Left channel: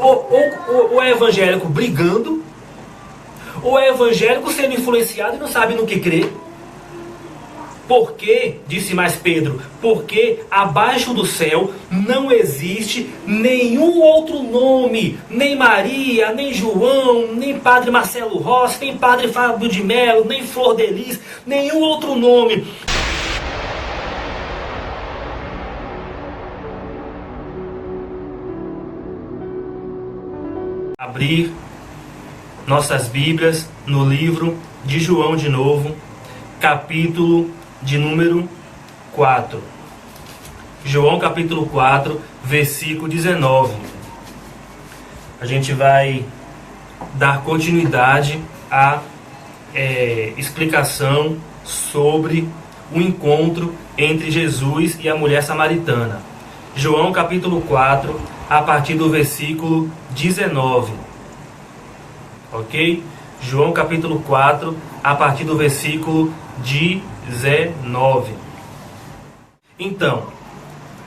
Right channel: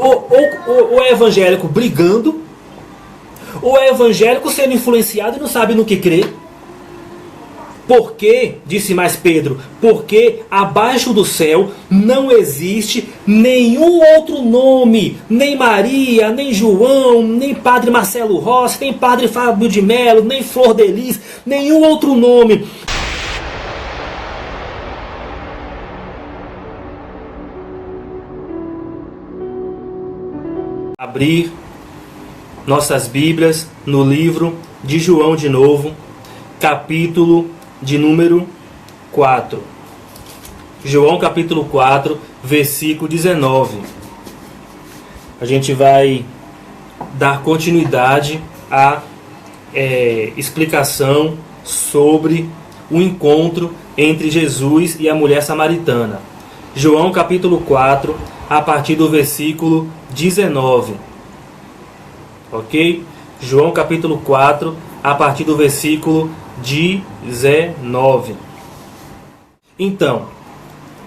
ou é evangélico brigando, ou é evangélico sendo influenciado e não sabe no que crer. Porque, disse mais Pedro, porque abaixo do céu não existe nenhum outro nome, nem Maria, nem João, nem Padre Marcelo Rossi, nem Padre Fábio de Mello, nem Flor de Lis, nenhum outro nome. Abrir nossas Bíblias no livro de João de novo, capítulo de número 4. João capítulo 4, versículo 19. A gente vai dar continuidade à explicação sobre o encontro entre Jesus e a mulher samaritana. João capítulo 4, a partir do versículo 19. Ok? João capítulo 4, a partir do versículo 19. Então,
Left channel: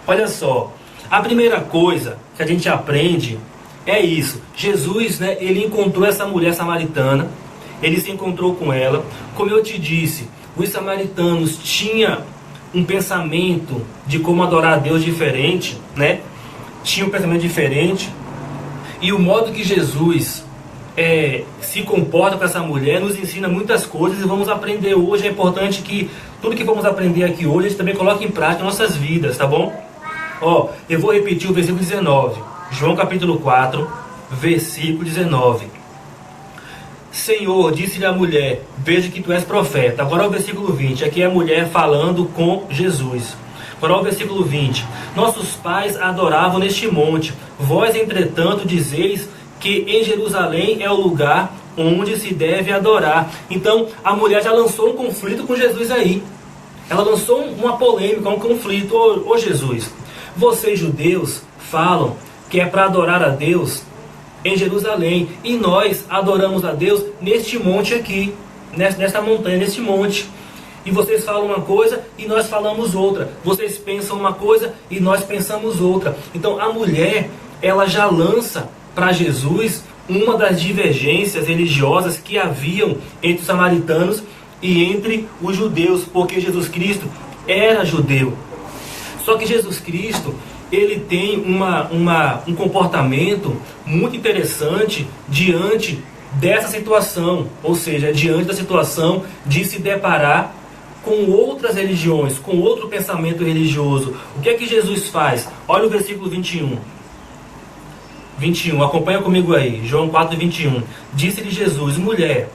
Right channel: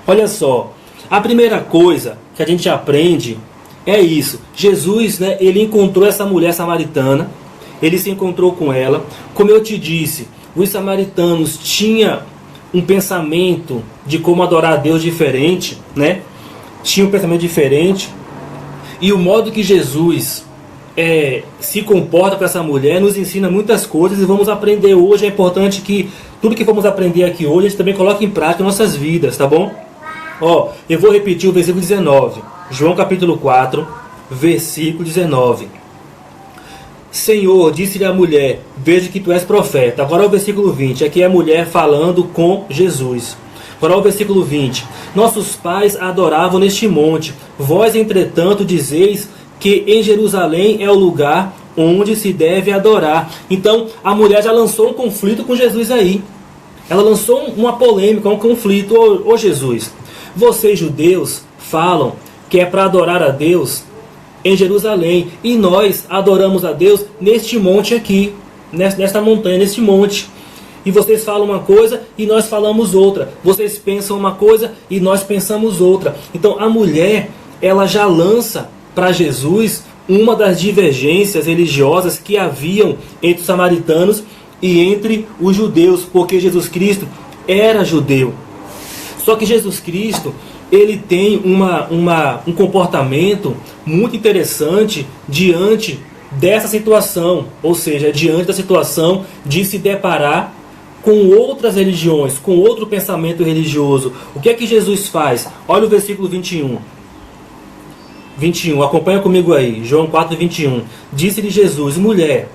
olha só, a primeira coisa que a gente aprende é isso. Jesus, ele encontrou essa mulher samaritana, ele se encontrou com ela. Como eu te disse, os samaritanos tinham um pensamento de como adorar a Deus diferente, tinha um pensamento diferente, e o modo que Jesus se comporta com essa mulher nos ensina muitas coisas, e vamos aprender hoje. É importante que tudo que vamos aprender aqui hoje a gente também coloque em prática em nossas vidas, tá bom? Eu vou repetir o versículo 19, João capítulo 4, versículo 19. Senhor, disse-lhe a mulher, vejo que tu és profeta. Agora o versículo 20, aqui é a mulher falando com Jesus. Agora o versículo 20, nossos pais adoravam neste monte, vós entretanto dizeis que em Jerusalém é o lugar onde se deve adorar. Então a mulher já lançou um conflito com Jesus aí. Ela lançou uma polêmica, um conflito. Ô Jesus, vocês judeus falam que é para adorar a Deus em Jerusalém, e nós adoramos a Deus neste monte aqui, nesta montanha, neste monte. E vocês falam uma coisa e nós falamos outra. Vocês pensam uma coisa e nós pensamos outra. Então a mulher, ela já lança para Jesus uma das divergências religiosas que haviam entre os samaritanos e entre os judeus, porque Jesus Cristo era judeu. Só que Jesus Cristo, ele tem um comportamento muito interessante diante dessa situação, ou seja, diante da situação de se deparar com outras religiões, com outro pensamento religioso. O que é que Jesus faz? Olha o versículo 21. 21, acompanha comigo aí, João 4, 21. Disse-lhe Jesus, mulher,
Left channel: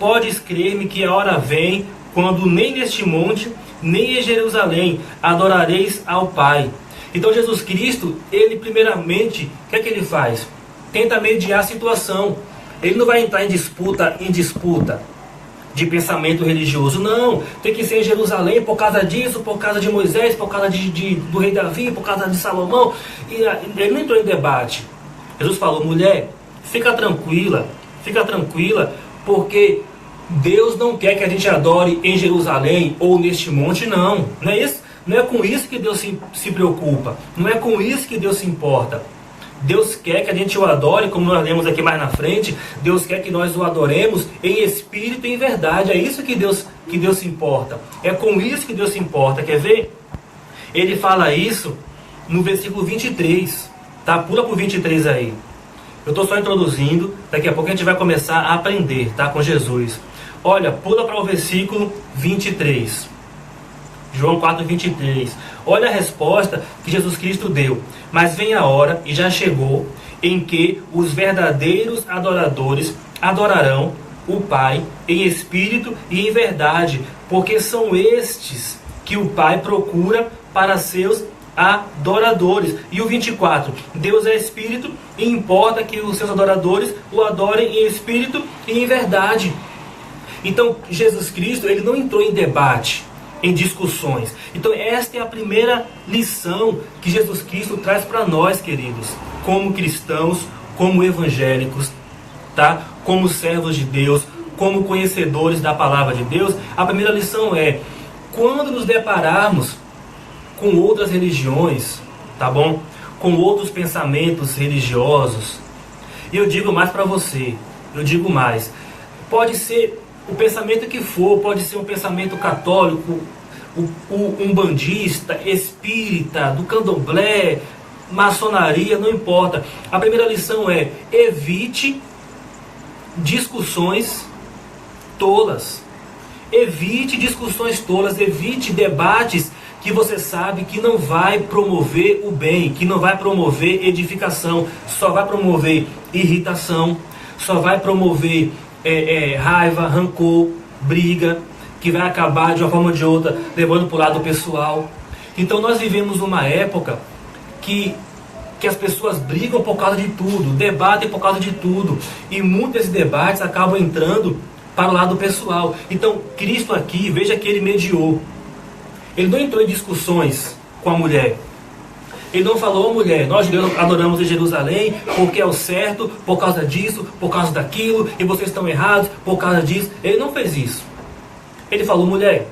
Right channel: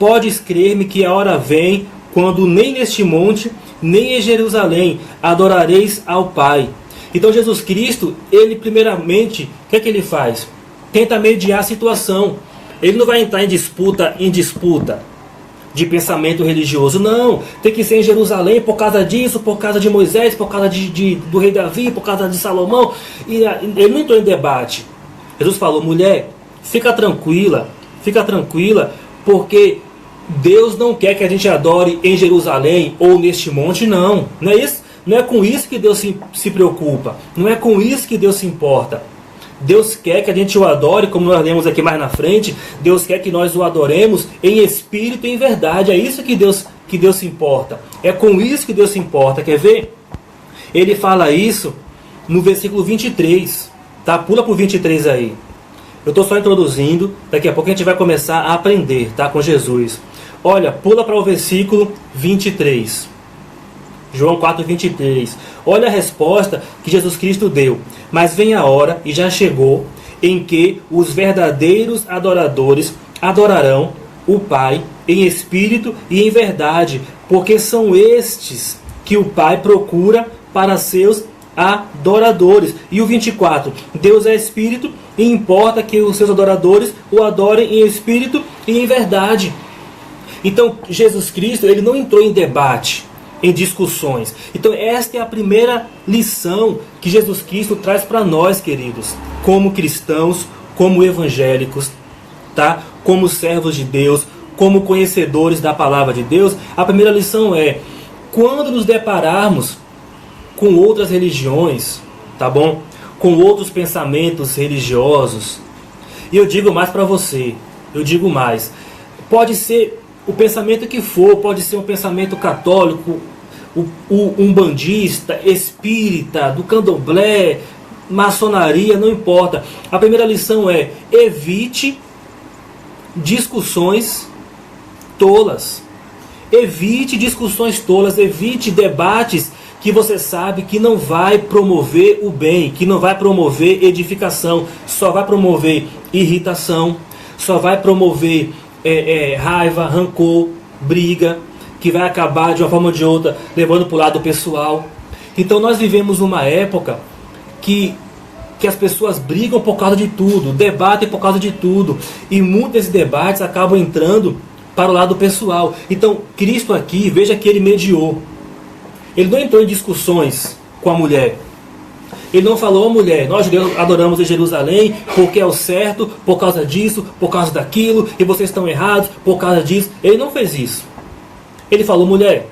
podes crer-me que a hora vem quando nem neste monte, nem em Jerusalém adorareis ao Pai. Então Jesus Cristo, ele primeiramente, o que é que ele faz? Tenta mediar a situação. Ele não vai entrar em disputa de pensamento religioso. Não, tem que ser em Jerusalém por causa disso, por causa de Moisés, por causa do rei Davi, por causa de Salomão. E ele não entrou em debate. Jesus falou, mulher, fica tranquila, porque Deus não quer que a gente adore em Jerusalém ou neste monte, não. Não é isso? Não é com isso que Deus se preocupa. Não é com isso que Deus se importa. Deus quer que a gente o adore, como nós lemos aqui mais na frente. Deus quer que nós o adoremos em espírito e em verdade. É isso que Deus se importa. É com isso que Deus se importa. Quer ver? Ele fala isso no versículo 23. Tá? Pula para o 23 aí. Eu estou só introduzindo. Daqui a pouco a gente vai começar a aprender, tá? Com Jesus. Olha, pula para o versículo 23. João 4, 23. Olha a resposta que Jesus Cristo deu. Mas vem a hora, e já chegou, em que os verdadeiros adoradores adorarão o Pai em espírito e em verdade, porque são estes que o Pai procura para seus adoradores. E o 24. Deus é espírito e importa que os seus adoradores o adorem em espírito e em verdade. Então Jesus Cristo, ele não entrou em debate, em discussões. Então esta é a primeira lição que Jesus Cristo traz para nós, queridos, como cristãos, como evangélicos, tá? Como servos de Deus, como conhecedores da palavra de Deus. A primeira lição é, quando nos depararmos com outras religiões, tá bom? com outros pensamentos religiosos. E eu digo mais para você, eu digo mais. Pode ser o pensamento que for, pode ser um pensamento católico, umbandista, espírita, do candomblé, maçonaria, não importa. A primeira lição é: evite discussões tolas. Evite discussões tolas, evite debates que você sabe que não vai promover o bem, que não vai promover edificação, só vai promover irritação, só vai promover raiva, rancor, briga, que vai acabar de uma forma ou de outra levando para o lado pessoal. Então nós vivemos uma época que as pessoas brigam por causa de tudo, debatem por causa de tudo, e muitos desses debates acabam entrando para o lado pessoal. Então Cristo aqui, veja que ele mediou. Ele não entrou em discussões com a mulher. Ele não falou: mulher, nós adoramos em Jerusalém porque é o certo, por causa disso, por causa daquilo, e vocês estão errados por causa disso. Ele não fez isso. Ele falou: mulher,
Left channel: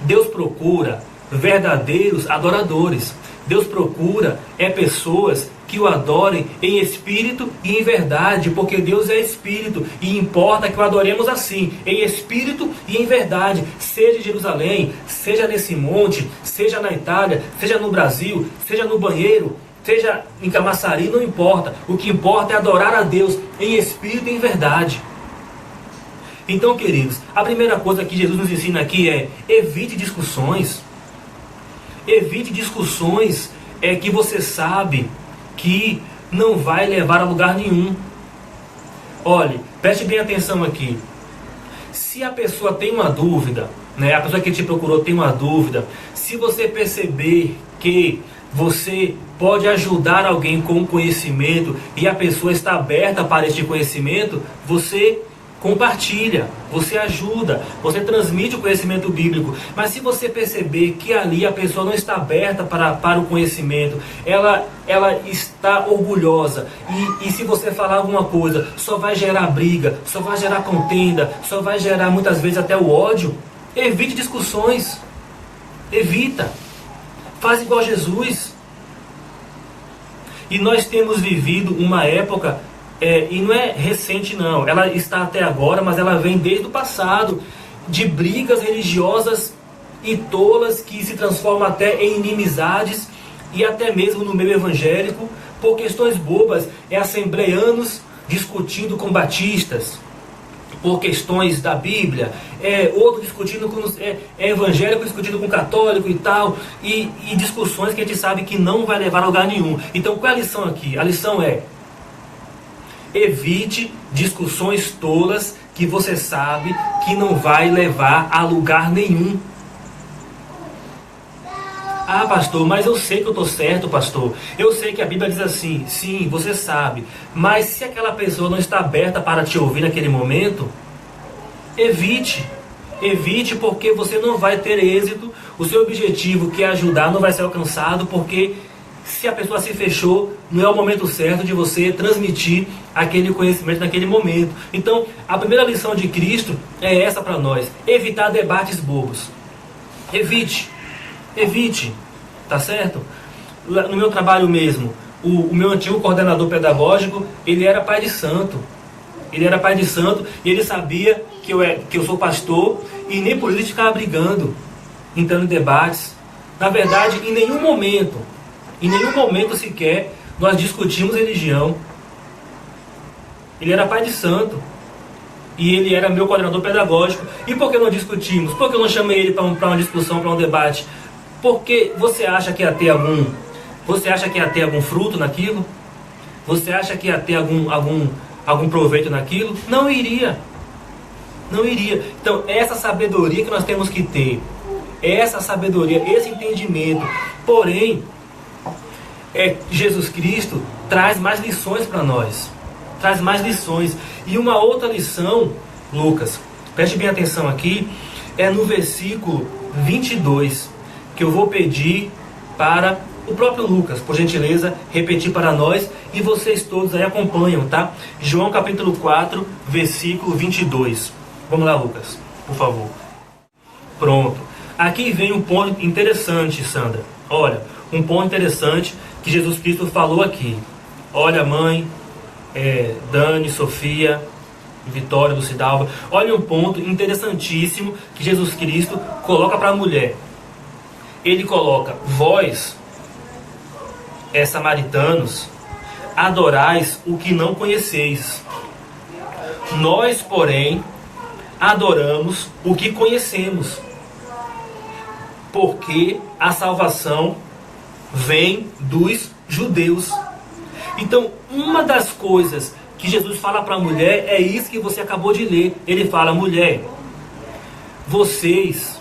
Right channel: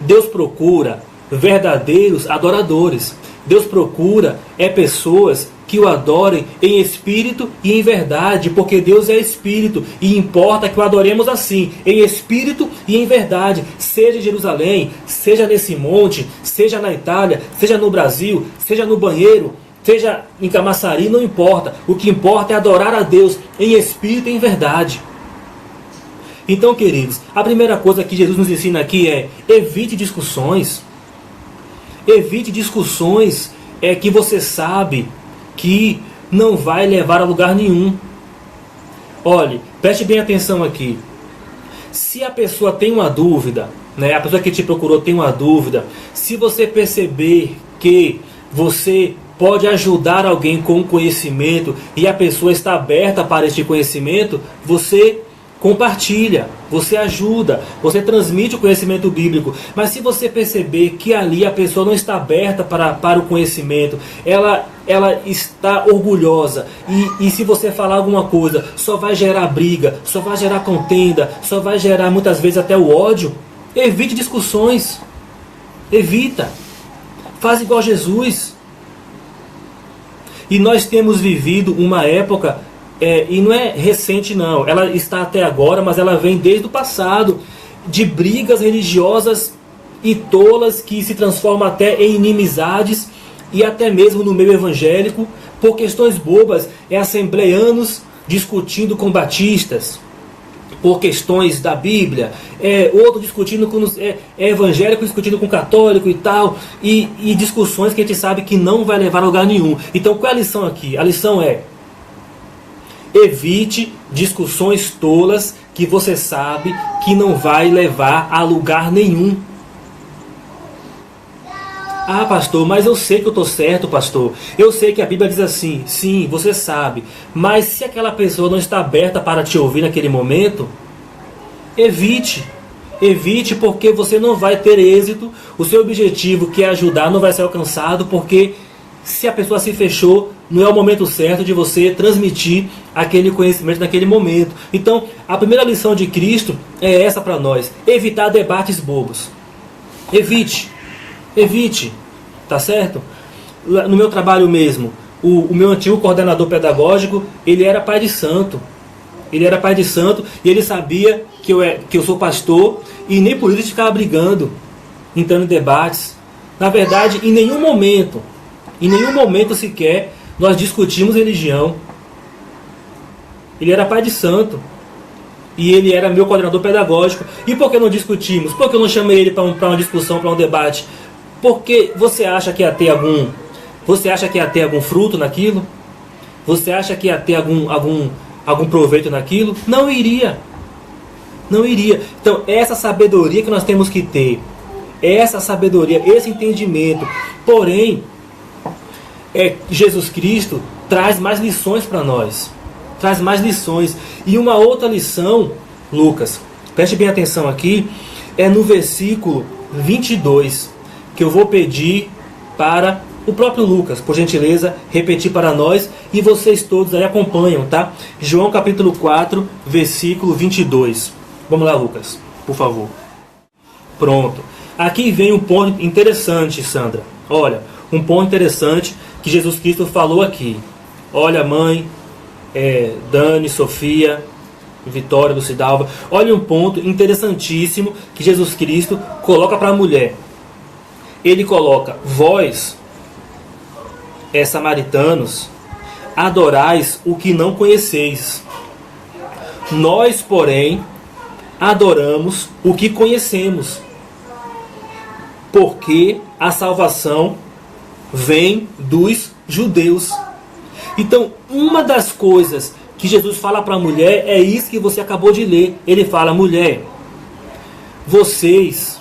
Deus procura verdadeiros adoradores. Deus procura pessoas que o adorem em espírito e em verdade, porque Deus é espírito e importa que o adoremos assim, em espírito e em verdade, seja em Jerusalém, seja nesse monte, seja na Itália, seja no Brasil, seja no banheiro, seja em Camaçari, não importa. O que importa é adorar a Deus em espírito e em verdade. Então, queridos, a primeira coisa que Jesus nos ensina aqui é: evite discussões. Evite discussões que você sabe que não vai levar a lugar nenhum. Olhe, preste bem atenção aqui. Se a pessoa tem uma dúvida, né, a pessoa que te procurou tem uma dúvida, se você perceber que você pode ajudar alguém com conhecimento e a pessoa está aberta para este conhecimento, você compartilha, você ajuda, você transmite o conhecimento bíblico. Mas se você perceber que ali a pessoa não está aberta para o conhecimento, ela está orgulhosa, e se você falar alguma coisa, só vai gerar briga, só vai gerar contenda, só vai gerar muitas vezes até o ódio, evite discussões. Evita. Faz igual Jesus. E nós temos vivido uma época, e não é recente não, ela está até agora, mas ela vem desde o passado, de brigas religiosas e tolas que se transformam até em inimizades, e até mesmo no meio evangélico, por questões bobas. Assembleanos discutindo com batistas por questões da Bíblia, outro discutindo com evangélico discutindo com católico e tal, e discussões que a gente sabe que não vai levar a lugar nenhum. Então qual é a lição aqui? A lição é: evite discussões tolas que você sabe que não vai levar a lugar nenhum. Ah, pastor, mas eu sei que eu estou certo, pastor. Eu sei que a Bíblia diz assim. Sim, você sabe. Mas se aquela pessoa não está aberta para te ouvir naquele momento, evite. Evite, porque você não vai ter êxito. O seu objetivo, que é ajudar, não vai ser alcançado, porque se a pessoa se fechou, não é o momento certo de você transmitir aquele conhecimento naquele momento. Então, a primeira lição de Cristo é essa para nós: evitar debates bobos. Evite. Evite, tá certo? No meu trabalho mesmo, o meu antigo coordenador pedagógico, ele era pai de santo. Ele era pai de santo e ele sabia que eu sou pastor, e nem por isso ele ficava brigando, entrando em debates. Na verdade, em nenhum momento sequer, nós discutimos religião. Ele era pai de santo e ele era meu coordenador pedagógico. E por que não discutimos? Por que eu não chamei ele para uma discussão, para um debate? Porque você acha que ia ter algum fruto naquilo? Você acha que ia ter algum proveito naquilo? Não iria. Não iria. Então, essa sabedoria que nós temos que ter, essa sabedoria, esse entendimento. Porém, Jesus Cristo traz mais lições para nós. Traz mais lições. E uma outra lição, Lucas, preste bem atenção aqui, é no versículo 22, que eu vou pedir para o próprio Lucas, por gentileza, repetir para nós, e vocês todos aí acompanham, tá? João capítulo 4, versículo 22. Vamos lá, Lucas, por favor. Pronto. Aqui vem um ponto interessante, Sandra. Olha, um ponto interessante que Jesus Cristo falou aqui. Olha, mãe, Dani, Sofia, Vitória, Lucidalva, olha um ponto interessantíssimo que Jesus Cristo coloca para a mulher. Ele coloca: vós, samaritanos, adorais o que não conheceis. Nós, porém, adoramos o que conhecemos, porque a salvação vem dos judeus. Então, uma das coisas que Jesus fala para a mulher é isso que você acabou de ler. Ele fala: mulher, vocês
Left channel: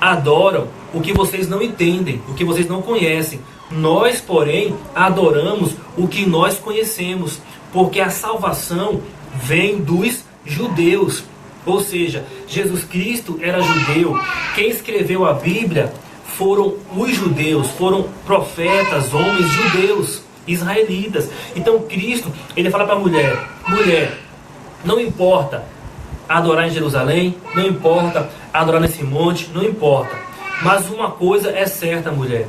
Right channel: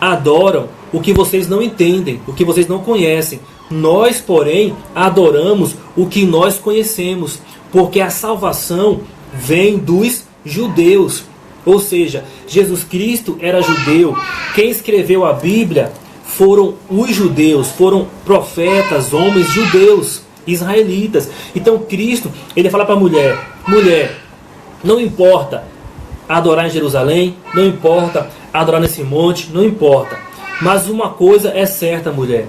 adoram o que vocês não entendem, o que vocês não conhecem. Nós, porém, adoramos o que nós conhecemos, porque a salvação vem dos judeus. Ou seja, Jesus Cristo era judeu. Quem escreveu a Bíblia foram os judeus, foram profetas, homens judeus, israelitas. Então Cristo, ele fala para a mulher: mulher, não importa adorar em Jerusalém, não importa adorar nesse monte, não importa. Mas uma coisa é certa, mulher:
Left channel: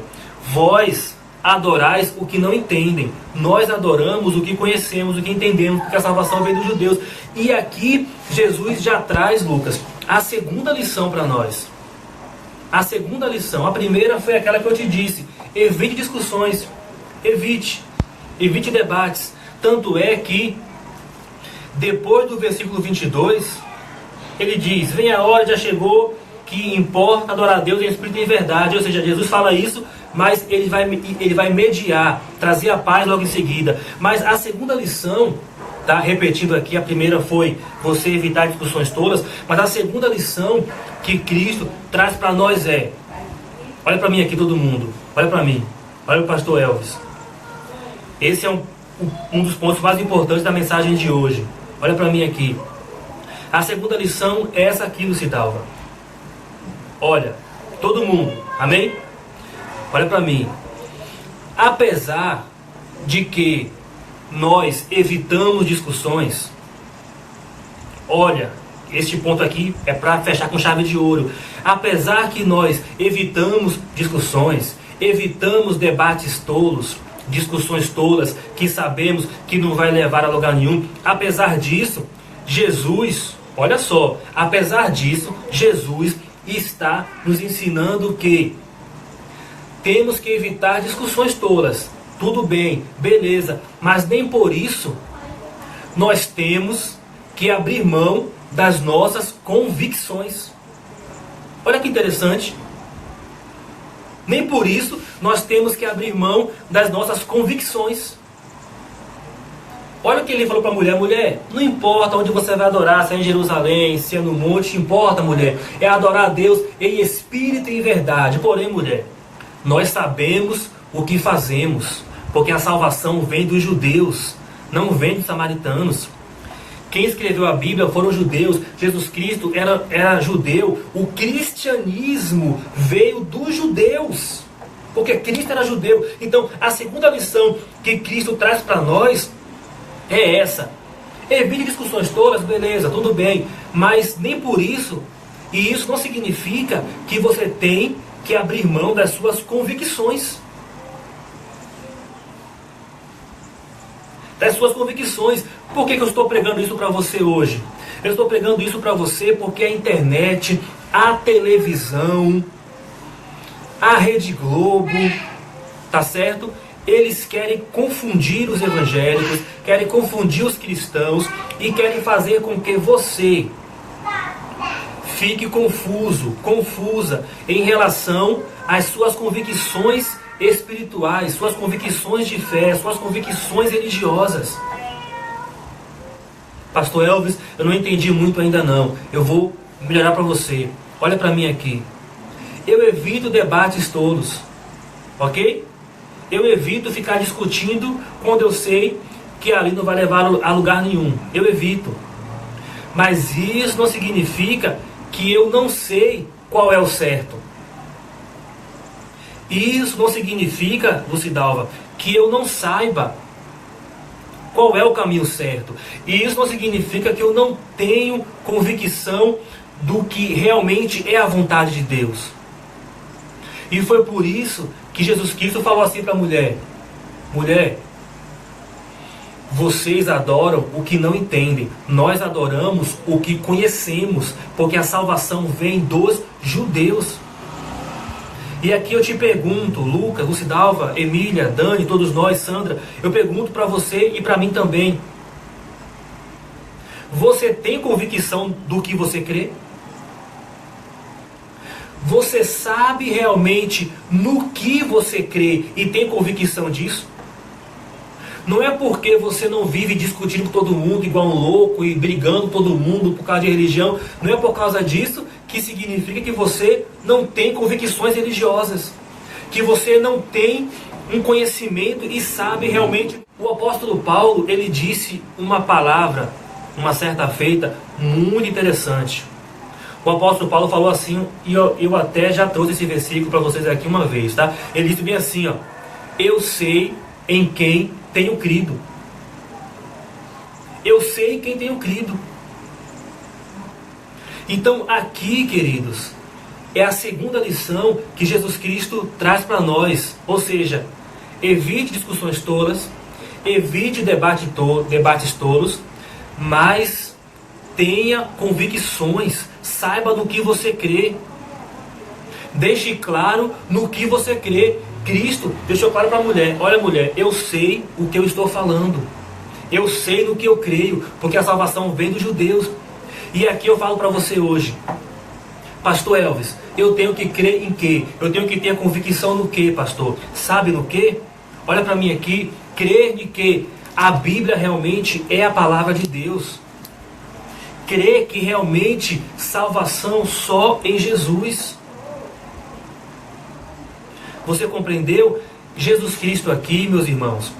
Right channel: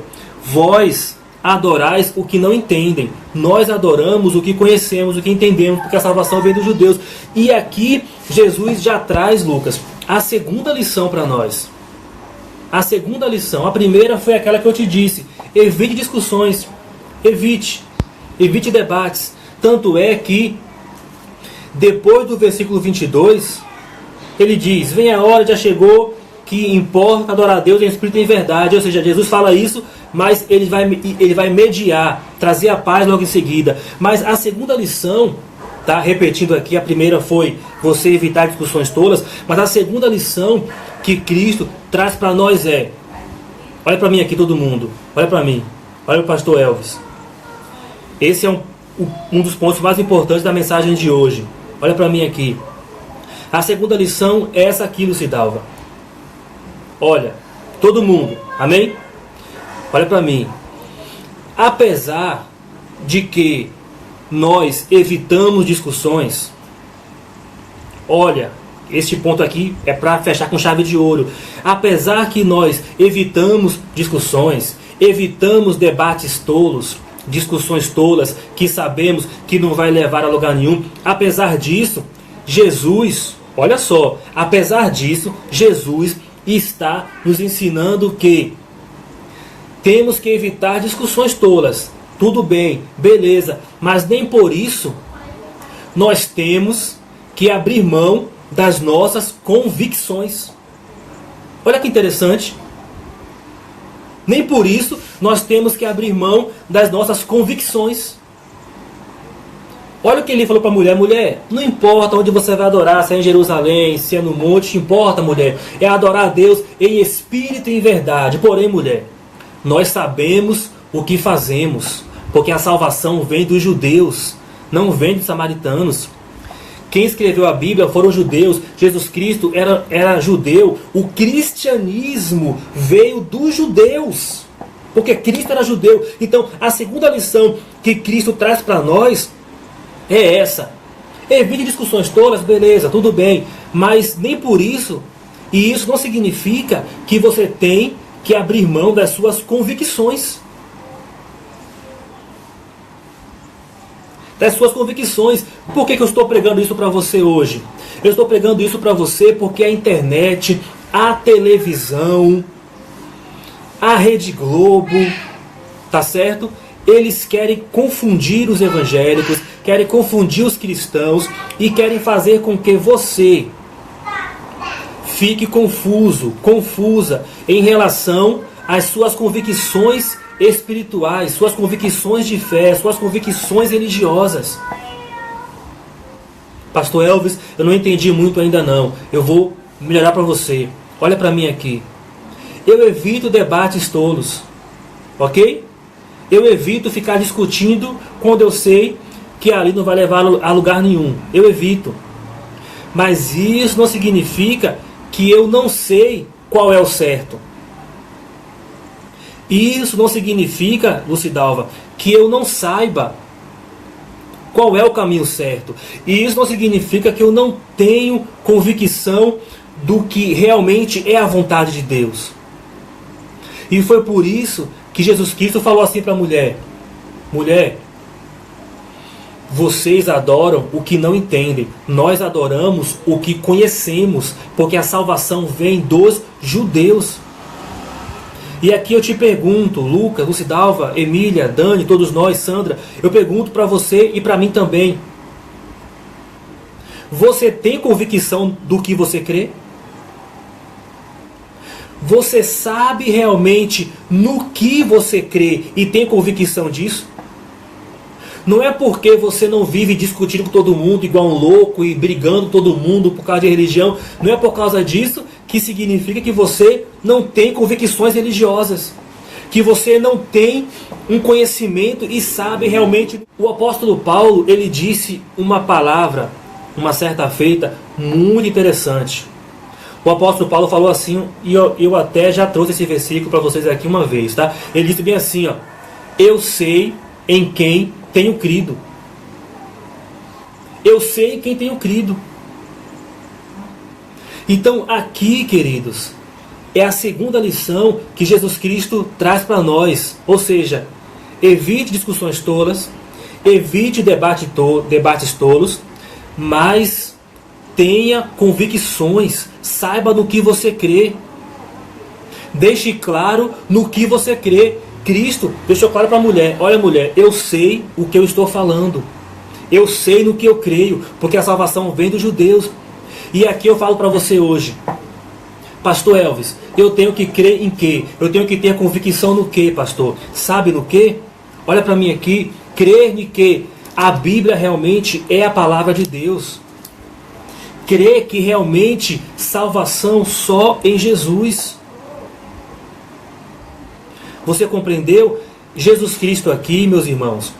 vós adorais o que não entendem. Nós adoramos o que conhecemos, o que entendemos, porque a salvação vem dos judeus. E aqui Jesus já traz, Lucas, a segunda lição para nós. A segunda lição. A primeira foi aquela que eu te disse: evite discussões, evite debates. Tanto é que depois do versículo 22, ele diz: vem a hora, já chegou, que importa adorar a Deus em espírito e em verdade. Ou seja, Jesus fala isso, mas ele vai mediar, trazer a paz logo em seguida. Mas a segunda lição, tá? Repetindo aqui, a primeira foi você evitar discussões tolas, mas a segunda lição que Cristo traz para nós é: olha para mim aqui todo mundo, olha para mim, olha o pastor Elvis. Esse é um dos pontos mais importantes da mensagem de hoje. Olha para mim aqui. A segunda lição é essa aqui, Lucidalva. Olha, todo mundo, amém? Olha para mim. Apesar de que nós evitamos discussões, olha, este ponto aqui é para fechar com chave de ouro. Apesar que nós evitamos discussões, evitamos debates tolos, discussões tolas que sabemos que não vai levar a lugar nenhum, apesar disso, Jesus, olha só, apesar disso, Jesus está nos ensinando que temos que evitar discussões tolas. Tudo bem, beleza, mas nem por isso nós temos que abrir mão das nossas convicções. Olha que interessante. Nem por isso nós temos que abrir mão das nossas convicções. Olha o que ele falou para a mulher: mulher, não importa onde você vai adorar, se é em Jerusalém, se é no monte, importa, mulher, é adorar a Deus em espírito e em verdade. Porém, mulher, nós sabemos o que fazemos, porque a salvação vem dos judeus, não vem dos samaritanos. Quem escreveu a Bíblia foram os judeus. Jesus Cristo era judeu. O cristianismo veio dos judeus, porque Cristo era judeu. Então, a segunda lição que Cristo traz para nós é essa: evite discussões tolas, beleza, tudo bem, mas nem por isso, e isso não significa que você tem que abrir mão das suas convicções. Das suas convicções. Por que eu estou pregando isso para você hoje? Eu estou pregando isso para você porque a internet, a televisão, a Rede Globo, tá certo? Eles querem confundir os evangélicos, querem confundir os cristãos e querem fazer com que você fique confusa em relação às suas convicções espirituais, suas convicções de fé, suas convicções religiosas. Pastor Elvis, eu não entendi muito ainda não. Eu vou melhorar para você. Olha para mim aqui. Eu evito debates tolos, ok? Eu evito ficar discutindo quando eu sei que ali não vai levar a lugar nenhum. Eu evito. Mas isso não significa que eu não sei qual é o certo. Isso não significa, Lucidalva, que eu não saiba qual é o caminho certo. E isso não significa que eu não tenho convicção do que realmente é a vontade de Deus. E foi por isso que Jesus Cristo falou assim para a mulher: mulher, vocês adoram o que não entendem, nós adoramos o que conhecemos, porque a salvação vem dos judeus. E aqui eu te pergunto, Lucas, Lucidalva, Emília, Dani, todos nós, Sandra, eu pergunto para você e para mim também: você tem convicção do que você crê? Você sabe realmente no que você crê e tem convicção disso? Não é porque você não vive discutindo com todo mundo igual um louco e brigando com todo mundo por causa de religião, não é por causa disso que significa que você não tem convicções religiosas, que você não tem um conhecimento e sabe realmente. O apóstolo Paulo, ele disse uma palavra, uma certa feita, muito interessante. O apóstolo Paulo falou assim, e eu até já trouxe esse versículo para vocês aqui uma vez, tá? Ele disse bem assim, ó: eu sei em quem tenho crido. Eu sei em quem tenho crido. Então aqui, queridos, é a segunda lição que Jesus Cristo traz para nós. Ou seja, evite discussões tolas, evite debates tolos, mas tenha convicções, saiba no que você crê. Deixe claro no que você crê. Cristo deixou claro para a mulher: olha, mulher, eu sei o que eu estou falando. Eu sei no que eu creio, porque a salvação vem dos judeus. E aqui eu falo para você hoje: pastor Elvis, eu tenho que crer em quê? Eu tenho que ter convicção no quê, pastor? Sabe no quê? Olha para mim aqui: crer em quê? A Bíblia realmente é a palavra de Deus. Crer que realmente salvação só em Jesus. Você compreendeu? Jesus Cristo aqui, meus irmãos,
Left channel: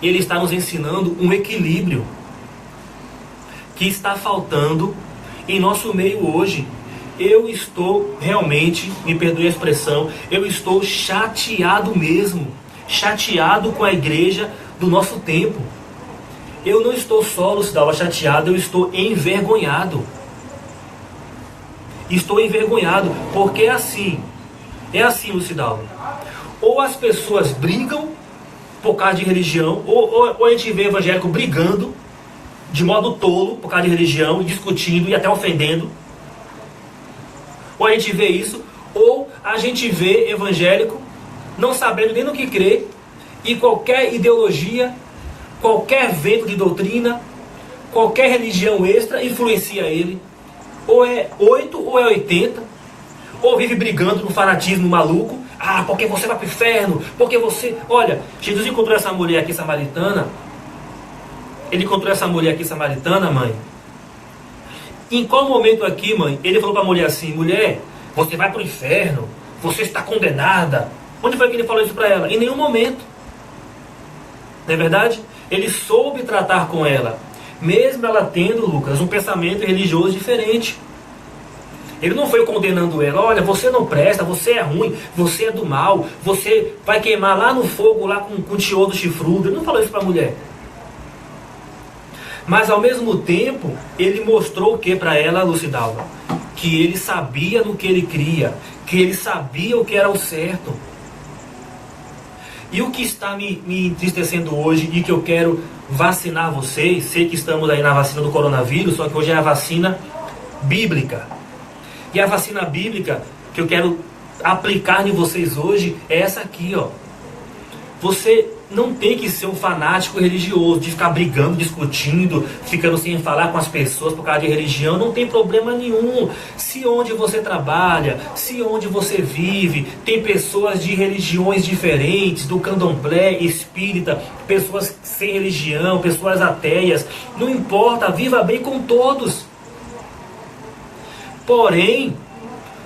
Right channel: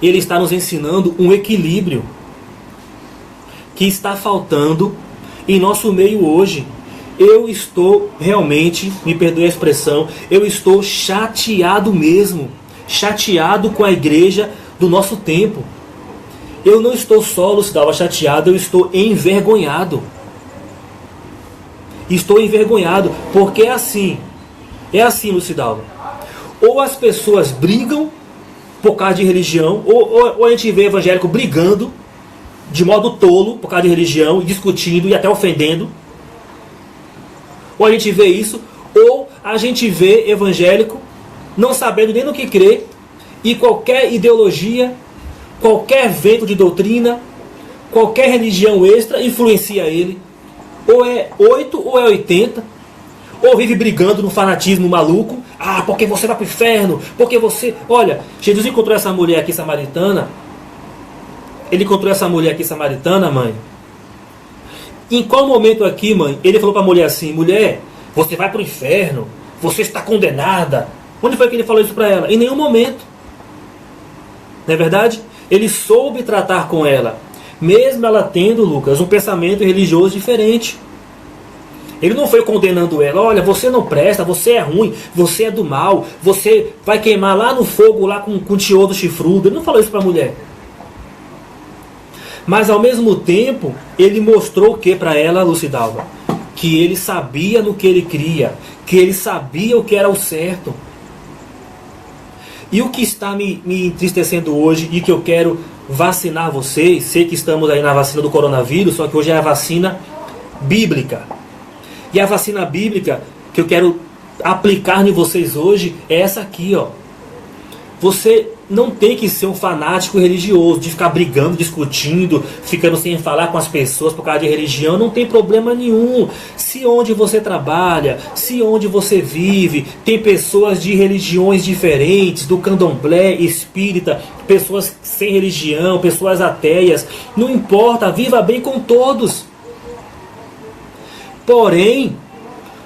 ele está nos ensinando um equilíbrio que está faltando em nosso meio hoje. Eu estou realmente, me perdoe a expressão, eu estou chateado mesmo, chateado com a igreja do nosso tempo. Eu não estou só, Lucidalva, chateado, eu estou envergonhado. Estou envergonhado, porque é assim, Lucidalva. Ou as pessoas brigam por causa de religião, ou a gente vê evangélico brigando de modo tolo por causa de religião, e discutindo e até ofendendo. Ou a gente vê isso, ou a gente vê evangélico não sabendo nem no que crer, e qualquer ideologia, qualquer vento de doutrina, qualquer religião extra influencia ele. Ou é 8 ou é 80, ou vive brigando no fanatismo maluco. Ah, porque você vai para o inferno, porque você... Olha, Jesus encontrou essa mulher aqui samaritana. Ele encontrou essa mulher aqui samaritana, mãe. Em qual momento aqui, mãe, ele falou para a mulher assim: mulher, você vai para o inferno, você está condenada? Onde foi que ele falou isso para ela? Em nenhum momento. Não é verdade? Ele soube tratar com ela, mesmo ela tendo, Lucas, um pensamento religioso diferente. Ele não foi condenando ela: olha, você não presta, você é ruim, você é do mal, você vai queimar lá no fogo, lá com tiodo chifrudo. Ele não falou isso para a mulher. Mas ao mesmo tempo, ele mostrou o que para ela, Lucidalva? Que ele sabia no que ele cria, que ele sabia o que era o certo. E o que está me entristecendo hoje, e que eu quero vacinar vocês, sei que estamos aí na vacina do coronavírus, só que hoje é a vacina bíblica. E a vacina bíblica que eu quero aplicar em vocês hoje é essa aqui, ó. Você não tem que ser um fanático religioso, de ficar brigando, discutindo, ficando sem falar com as pessoas por causa de religião. Não tem problema nenhum. Se onde você trabalha, se onde você vive, tem pessoas de religiões diferentes, do candomblé, espírita, pessoas sem religião, pessoas ateias, não importa, viva bem com todos. Porém,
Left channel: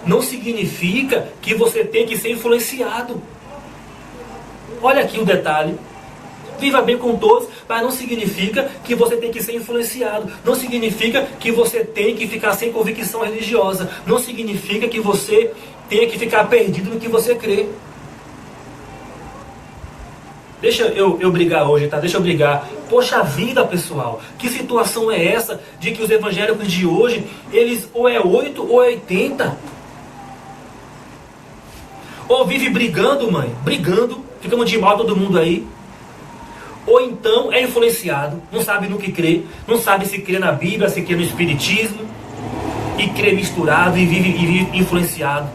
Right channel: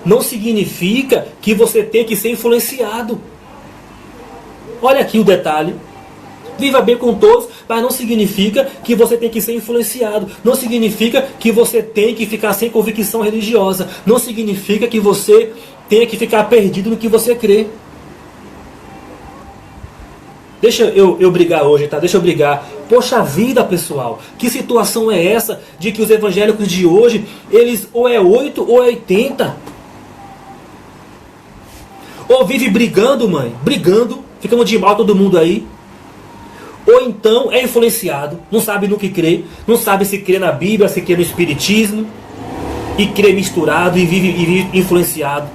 não significa que você tem que ser influenciado. Olha aqui o detalhe: viva bem com todos, mas não significa que você tem que ser influenciado. Não significa que você tem que ficar sem convicção religiosa. Não significa que você tenha que ficar perdido no que você crê. Deixa eu brigar hoje, tá? Deixa eu brigar. Poxa vida, pessoal, que situação é essa de que os evangélicos de hoje, eles ou é 8 ou é 80? Ou vive brigando, mãe, brigando, ficamos de mal todo mundo aí. Ou então é influenciado, não sabe no que crê, não sabe se crê na Bíblia, se crê no Espiritismo, e crê misturado e vive influenciado.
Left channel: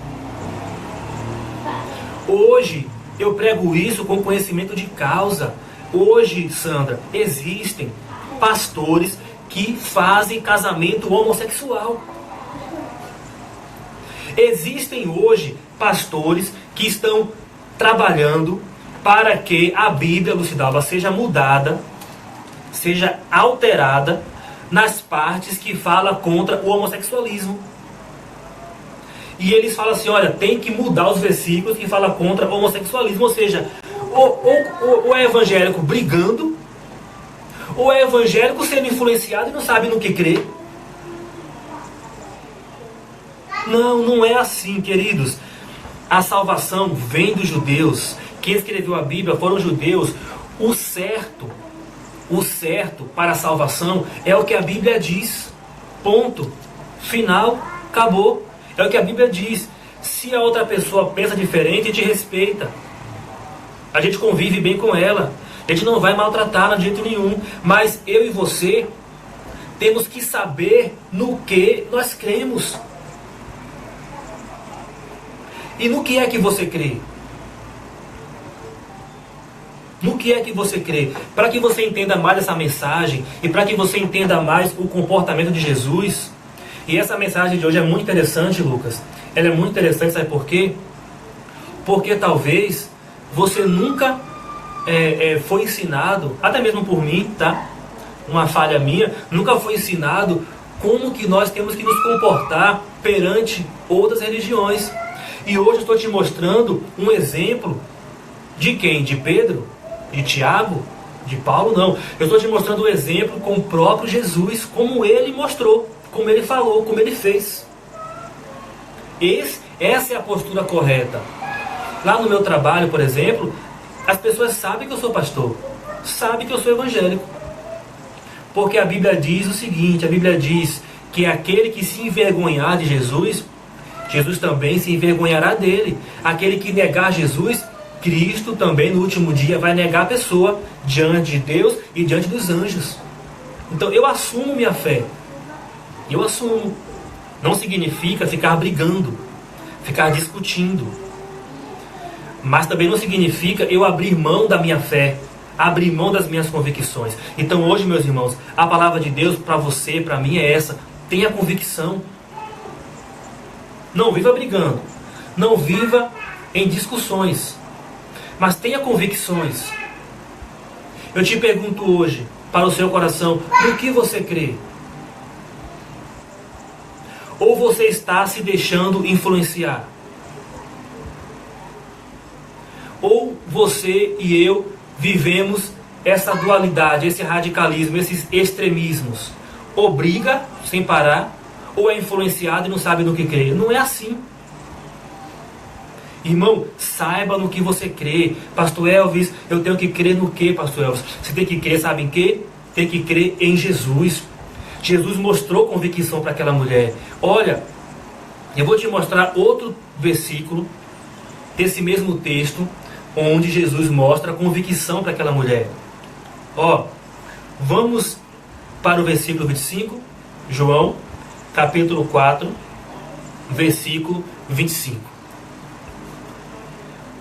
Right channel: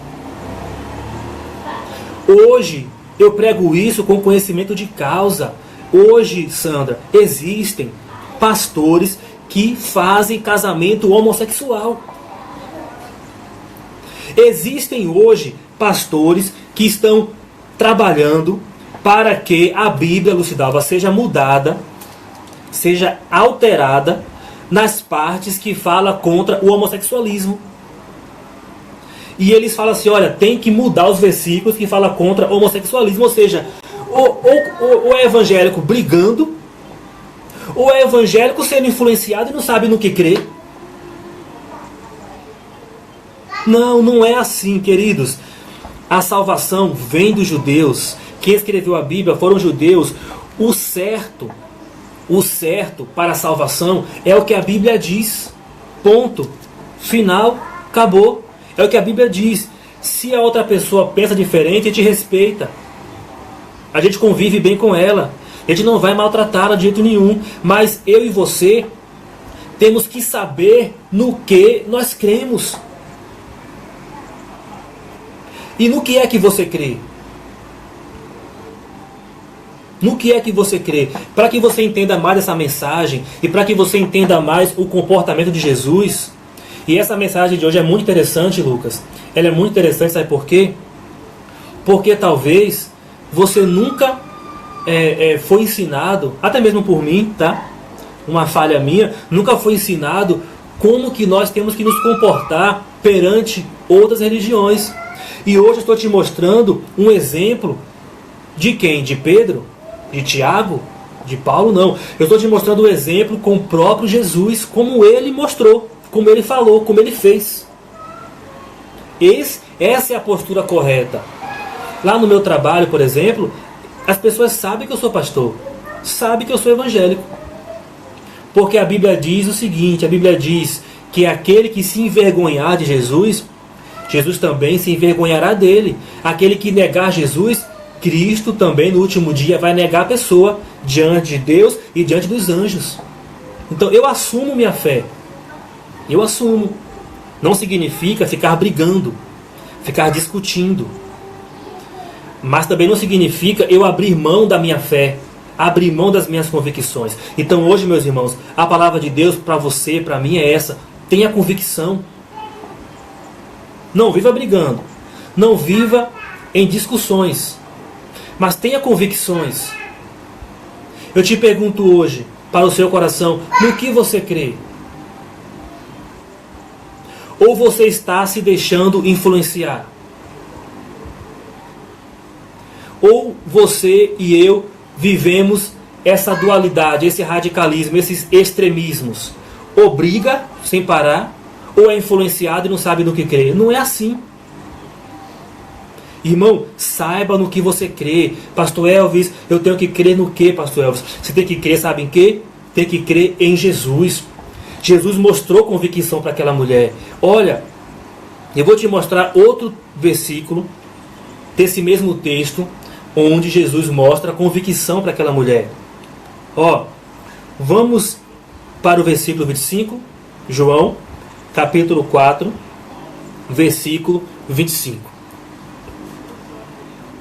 Hoje eu prego isso com conhecimento de causa. Hoje, Sandra, existem pastores que fazem casamento homossexual. Existem hoje pastores que estão trabalhando para que a Bíblia, Lucidalva, seja mudada, seja alterada nas partes que fala contra o homossexualismo. E eles falam assim, olha, tem que mudar os versículos que falam contra o homossexualismo. Ou seja, ou é evangélico brigando, ou é evangélico sendo influenciado e não sabe no que crer. Não, não é assim, queridos. A salvação vem dos judeus. Quem escreveu a Bíblia foram os judeus. O certo para a salvação é o que a Bíblia diz. Ponto. Final. Acabou. É o que a Bíblia diz. Se a outra pessoa pensa diferente, a gente respeita. A gente convive bem com ela. A gente não vai maltratá-la de jeito nenhum. Mas eu e você temos que saber no que nós cremos. E no que é que você crê? No que é que você crê? Para que você entenda mais essa mensagem e para que você entenda mais o comportamento de Jesus. E essa mensagem de hoje é muito interessante, Lucas. Ela é muito interessante, sabe por quê? Porque talvez você nunca foi ensinado, até mesmo por mim, tá? Uma falha minha, nunca foi ensinado como que nós temos que nos comportar perante outras religiões. E hoje eu estou te mostrando um exemplo de quem? De Pedro? De Tiago? De Paulo? Não. Eu estou te mostrando um exemplo com o próprio Jesus, como ele mostrou, como ele falou, como ele fez. Essa é a postura correta. Lá no meu trabalho, por exemplo, as pessoas sabem que eu sou pastor, sabem que eu sou evangélico. Porque a Bíblia diz o seguinte, a Bíblia diz que aquele que se envergonhar de Jesus, Jesus também se envergonhará dele. Aquele que negar Jesus, Cristo também no último dia vai negar a pessoa diante de Deus e diante dos anjos. Então eu assumo minha fé. Eu assumo. Não significa ficar brigando, ficar discutindo. Mas também não significa eu abrir mão da minha fé, abrir mão das minhas convicções. Então hoje, meus irmãos, a palavra de Deus para você, para mim é essa. Tenha convicção. Não viva brigando. Não viva em discussões. Mas tenha convicções. Eu te pergunto hoje, para o seu coração, no que você crê? Ou você está se deixando influenciar? Ou você e eu vivemos essa dualidade, esse radicalismo, esses extremismos? Ou briga sem parar, ou é influenciado e não sabe no que crê. Não é assim. Irmão, saiba no que você crê. Pastor Elvis, eu tenho que crer no que, Pastor Elvis? Você tem que crer, sabe em quê? Tem que crer em Jesus. Jesus mostrou convicção para aquela mulher. Olha, eu vou te mostrar outro versículo desse mesmo texto, onde Jesus mostra convicção para aquela mulher. Ó, vamos para o versículo 25, João, capítulo 4, versículo 25.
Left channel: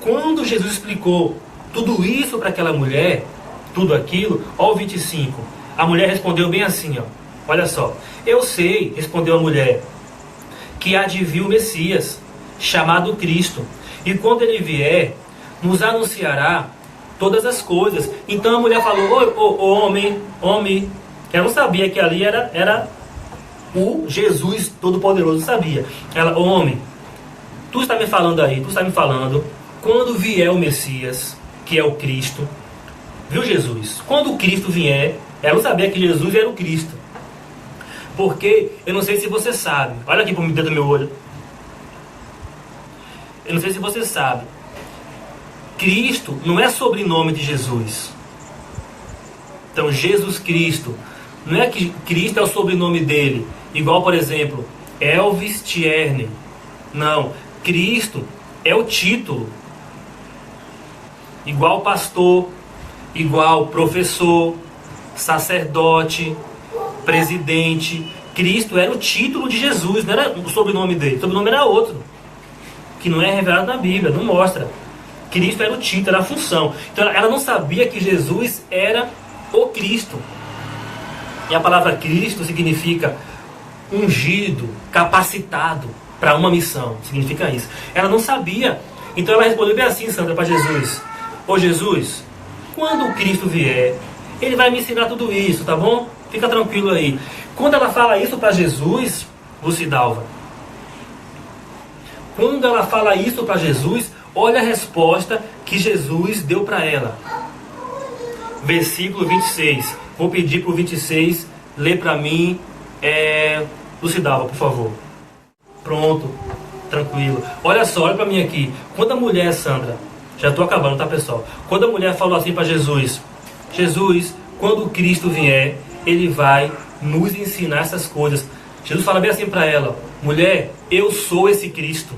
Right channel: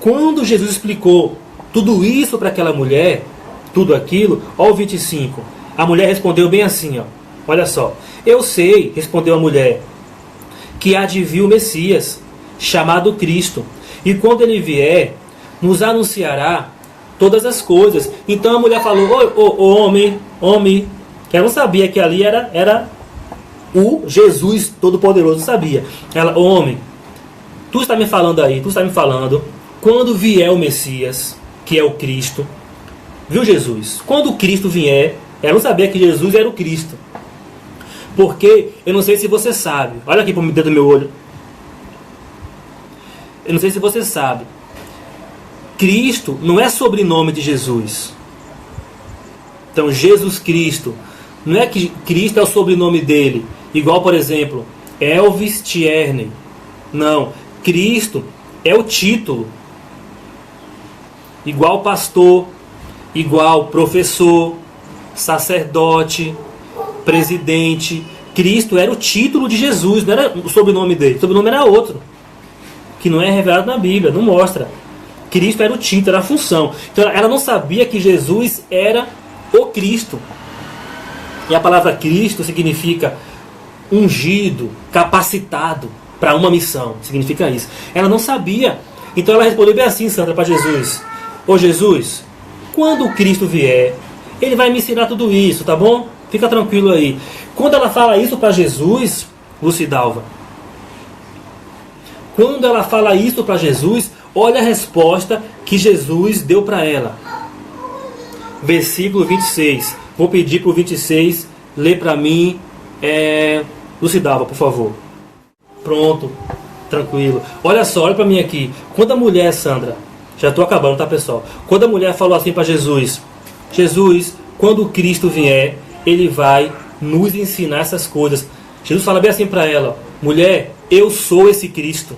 Quando Jesus explicou tudo isso para aquela mulher, tudo aquilo, ó o 25, a mulher respondeu bem assim, ó, olha só. Eu sei, respondeu a mulher, que há de vir o Messias, chamado Cristo, e quando ele vier, nos anunciará todas as coisas. Então a mulher falou, homem, ela não sabia que ali era o Jesus Todo-Poderoso, sabia. Ela, homem, tu está me falando aí, tu está me falando, quando vier o Messias, que é o Cristo, viu Jesus? Quando o Cristo vier, ela não sabia que Jesus era o Cristo. Porque, eu não sei se você sabe, olha aqui para o dedo do meu olho. Eu não sei se você sabe, Cristo não é sobrenome de Jesus. Então, Jesus Cristo, não é que Cristo é o sobrenome dele, igual, por exemplo, Elvis Tierney. Não, Cristo é o título. Igual pastor, igual professor, sacerdote, presidente. Cristo era o título de Jesus, não era o sobrenome dele. O sobrenome era outro, que não é revelado na Bíblia, não mostra. Cristo era o título, era a função. Então ela não sabia que Jesus era o Cristo. E a palavra Cristo significa ungido, capacitado para uma missão. Significa isso. Ela não sabia. Então ela respondeu bem assim, Sandra, para Jesus: ô Jesus, quando o Cristo vier, ele vai me ensinar tudo isso, tá bom? Fica tranquilo aí. Quando ela fala isso para Jesus, Lucidalva, quando ela fala isso para Jesus, olha a resposta que Jesus deu para ela. Versículo 26. Vou pedir para o 26 ler para mim. Lucidalva, por favor. Pronto. Tranquilo. Olha só, olha para mim aqui. Quando a mulher, Sandra, já estou acabando, tá, pessoal? Quando a mulher falou assim para Jesus: Jesus, quando o Cristo vier, ele vai nos ensinar essas coisas. Jesus fala bem assim para ela: mulher, eu sou esse Cristo.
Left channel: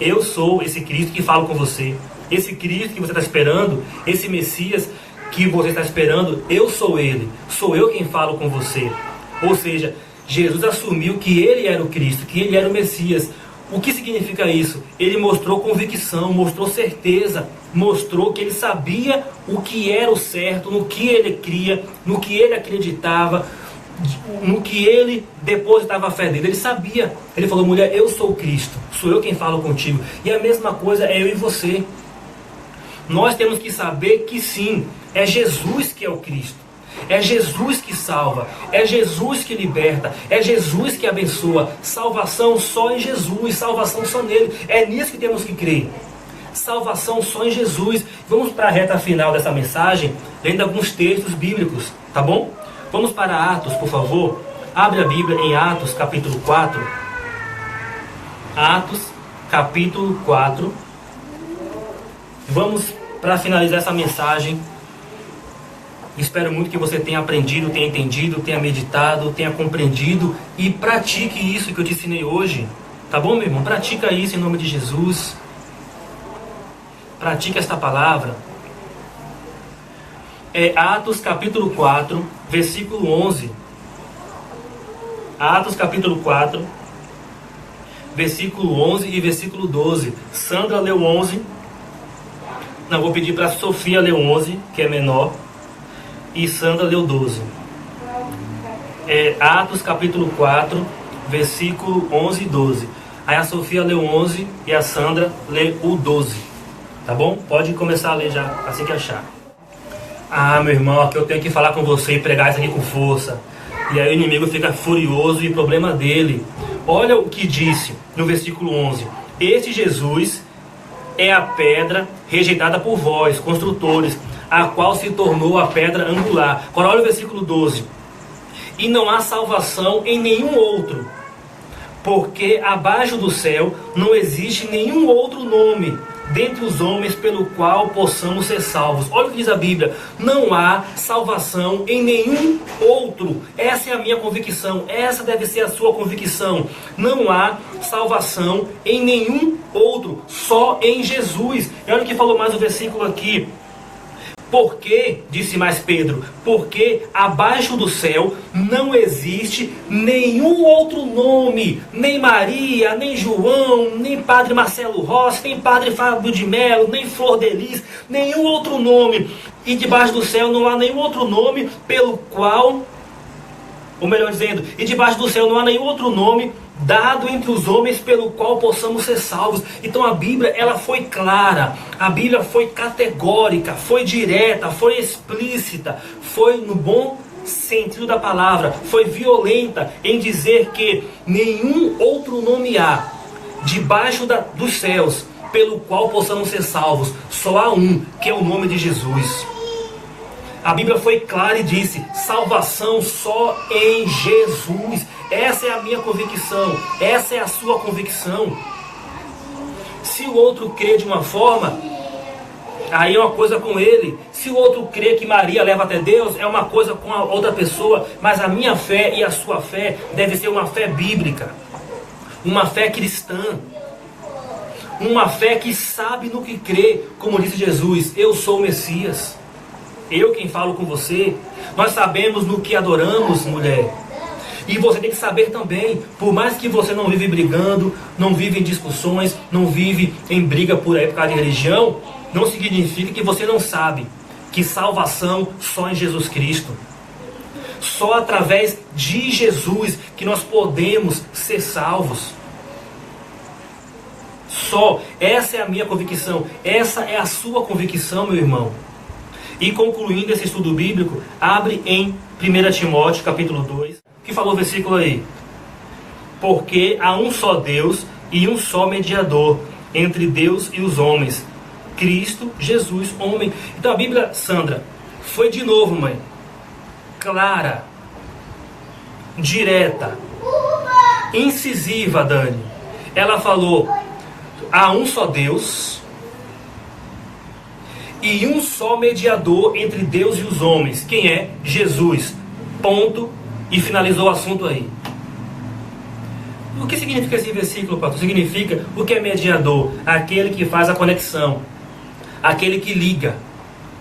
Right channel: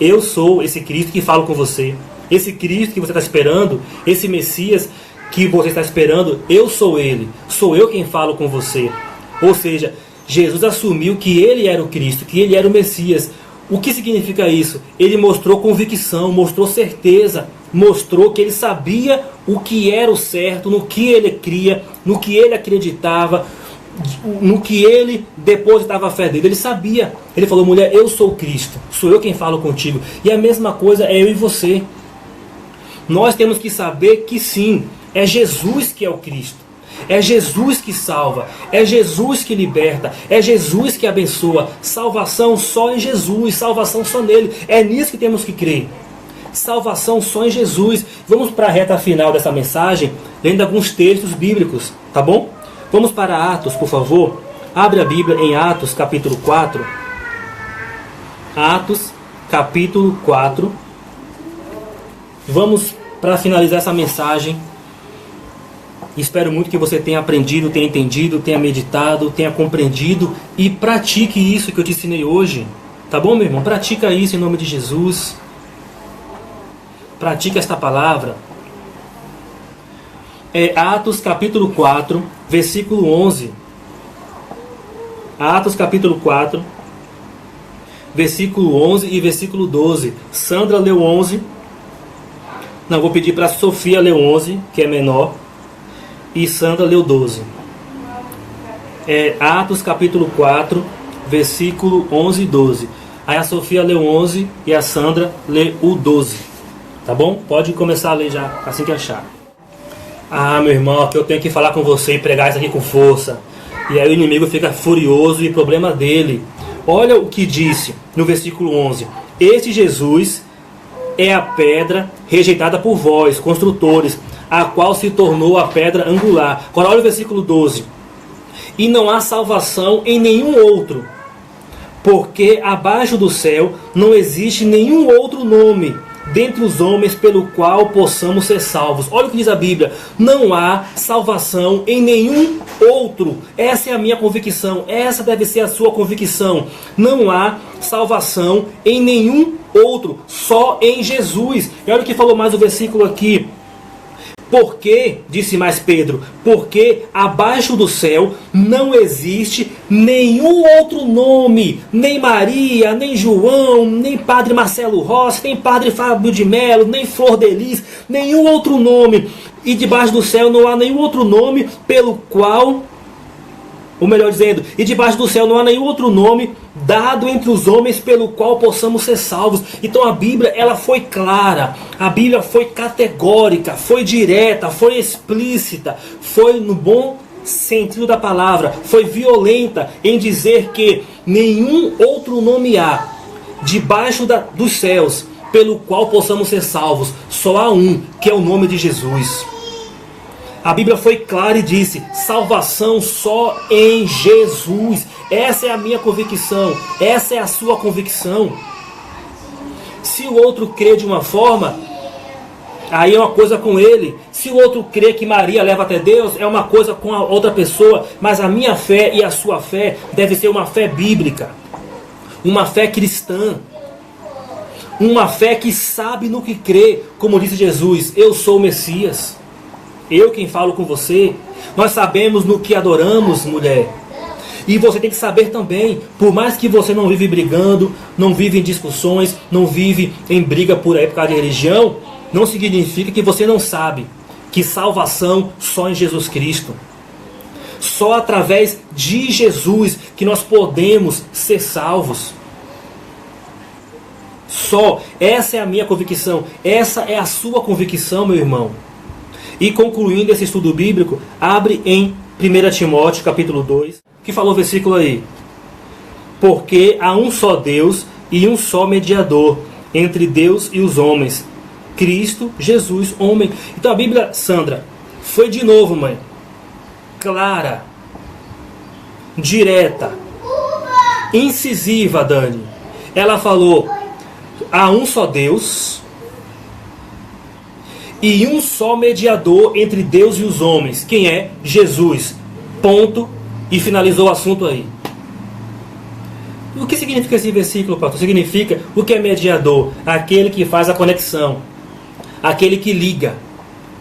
Eu sou esse Cristo que falo com você. Esse Cristo que você está esperando, esse Messias que você está esperando, eu sou ele. Sou eu quem falo com você. Ou seja, Jesus assumiu que ele era o Cristo, que ele era o Messias. O que significa isso? Ele mostrou convicção, mostrou certeza, mostrou que ele sabia o que era o certo, no que ele cria, no que ele acreditava, no que ele depositava a fé dele. Ele sabia. Ele falou: mulher, eu sou o Cristo, sou eu quem falo contigo. E a mesma coisa é eu e você. Nós temos que saber que sim, é Jesus que é o Cristo. É Jesus que salva, é Jesus que liberta, é Jesus que abençoa. Salvação só em Jesus, salvação só nele. É nisso que temos que crer. Salvação só em Jesus. Vamos para a reta final dessa mensagem, lendo alguns textos bíblicos, tá bom? Vamos para Atos, por favor. Abre a Bíblia em Atos, capítulo 4. Atos, capítulo 4. Vamos para finalizar essa mensagem. Espero muito que você tenha aprendido, tenha entendido, tenha meditado, tenha compreendido e pratique isso que eu te ensinei hoje. Tá bom, meu irmão? Pratica isso em nome de Jesus. Pratique esta palavra. Atos capítulo 4, versículo 11. Atos capítulo 4, versículo 11 e versículo 12. Sandra leu 11. Não, vou pedir para a Sofia ler 11, que é menor. E Sandra leu 12. Atos capítulo 4, versículo 11 e 12. Aí a Sofia leu 11 e a Sandra lê o 12. Tá bom? Pode começar a ler já, assim que achar. Ah, meu irmão, aqui eu tenho que falar com você e pregar isso aqui com força. E aí o inimigo fica furioso e problema dele. Olha o que disse no versículo 11. Este Jesus é a pedra rejeitada por vós, construtores, a qual se tornou a pedra angular. Agora olha o versículo 12. E não há salvação em nenhum outro, porque abaixo do céu não existe nenhum outro nome dentre os homens pelo qual possamos ser salvos. Olha o que diz a Bíblia: não há salvação em nenhum outro. Essa é a minha convicção, essa deve ser a sua convicção. Não há salvação em nenhum outro, só em Jesus. E olha o que falou mais o versículo aqui. Porque, disse mais Pedro, porque abaixo do céu não existe nenhum outro nome, nem Maria, nem João, nem Padre Marcelo Rossi, nem Padre Fábio de Melo, nem Flor de Lis, nenhum outro nome. E debaixo do céu não há nenhum outro nome pelo qual, ou melhor dizendo, e debaixo do céu não há nenhum outro nome dado entre os homens pelo qual possamos ser salvos. Então a Bíblia, ela foi clara, a Bíblia foi categórica, foi direta, foi explícita, foi no bom sentido da palavra, foi violenta em dizer que nenhum outro nome há debaixo dos céus pelo qual possamos ser salvos. Só há um, que é o nome de Jesus. A Bíblia foi clara e disse: salvação só em Jesus. Essa é a minha convicção, essa é a sua convicção. Se o outro crê de uma forma, aí é uma coisa com ele. Se o outro crê que Maria leva até Deus, é uma coisa com a outra pessoa. Mas a minha fé e a sua fé deve ser uma fé bíblica, uma fé cristã. Uma fé que sabe no que crê, como disse Jesus, eu sou o Messias. Eu quem falo com você. Nós sabemos no que adoramos, mulher. E você tem que saber também, por mais que você não vive brigando, não vive em discussões, não vive em briga por época de religião, não significa que você não sabe que salvação só em Jesus Cristo. Só através de Jesus que nós podemos ser salvos. Só. Essa é a minha convicção. Essa é a sua convicção, meu irmão. E concluindo esse estudo bíblico, abre em 1 Timóteo capítulo 2, que falou o versículo aí. Porque há um só Deus e um só mediador entre Deus e os homens, Cristo Jesus, homem. Então a Bíblia, Sandra, foi de novo, mãe, clara, direta, incisiva, Dani. Ela falou: há um só Deus e um só mediador entre Deus e os homens. Quem é? Jesus. Ponto. E finalizou o assunto aí. O que significa esse versículo, pastor? Significa o que é mediador? Aquele que faz a conexão. Aquele que liga.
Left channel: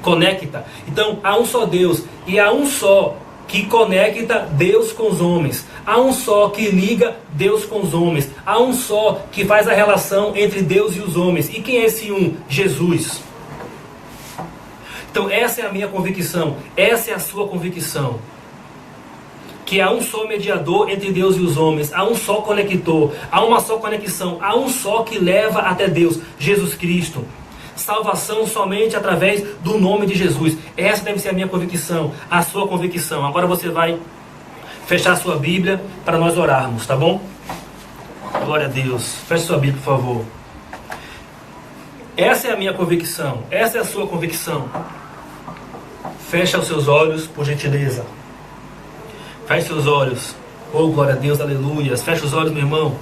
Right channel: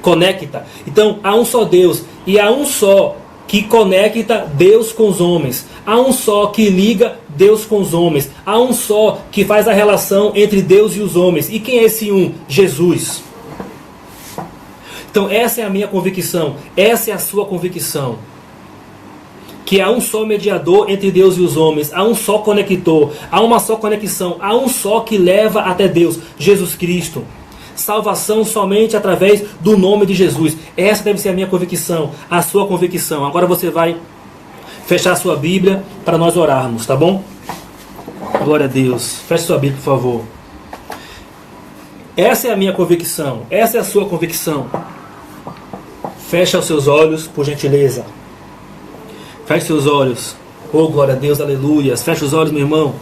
Conecta. Então, há um só Deus. E há um só que conecta Deus com os homens. Há um só que liga Deus com os homens. Há um só que faz a relação entre Deus e os homens. E quem é esse um? Jesus. Então essa é a minha convicção. Essa é a sua convicção. Que há um só mediador entre Deus e os homens. Há um só conector. Há uma só conexão. Há um só que leva até Deus. Jesus Cristo. Salvação somente através do nome de Jesus. Essa deve ser a minha convicção, a sua convicção. Agora você vai fechar sua Bíblia para nós orarmos, tá bom? Glória a Deus. Feche sua Bíblia, por favor. Essa é a minha convicção. Essa é a sua convicção. Feche os seus olhos, por gentileza. Feche seus olhos. Oh, glória a Deus, aleluia. Feche os olhos, meu irmão.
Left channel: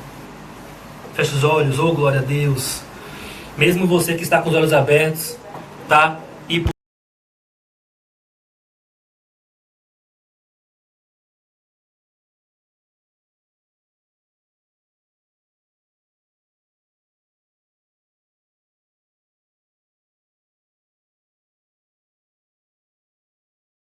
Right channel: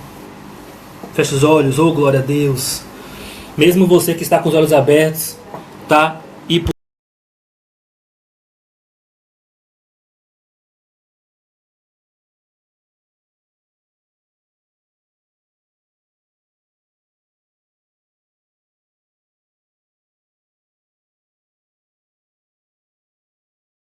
Feche os olhos, oh, glória a Deus. Mesmo você que está com os olhos abertos, tá? E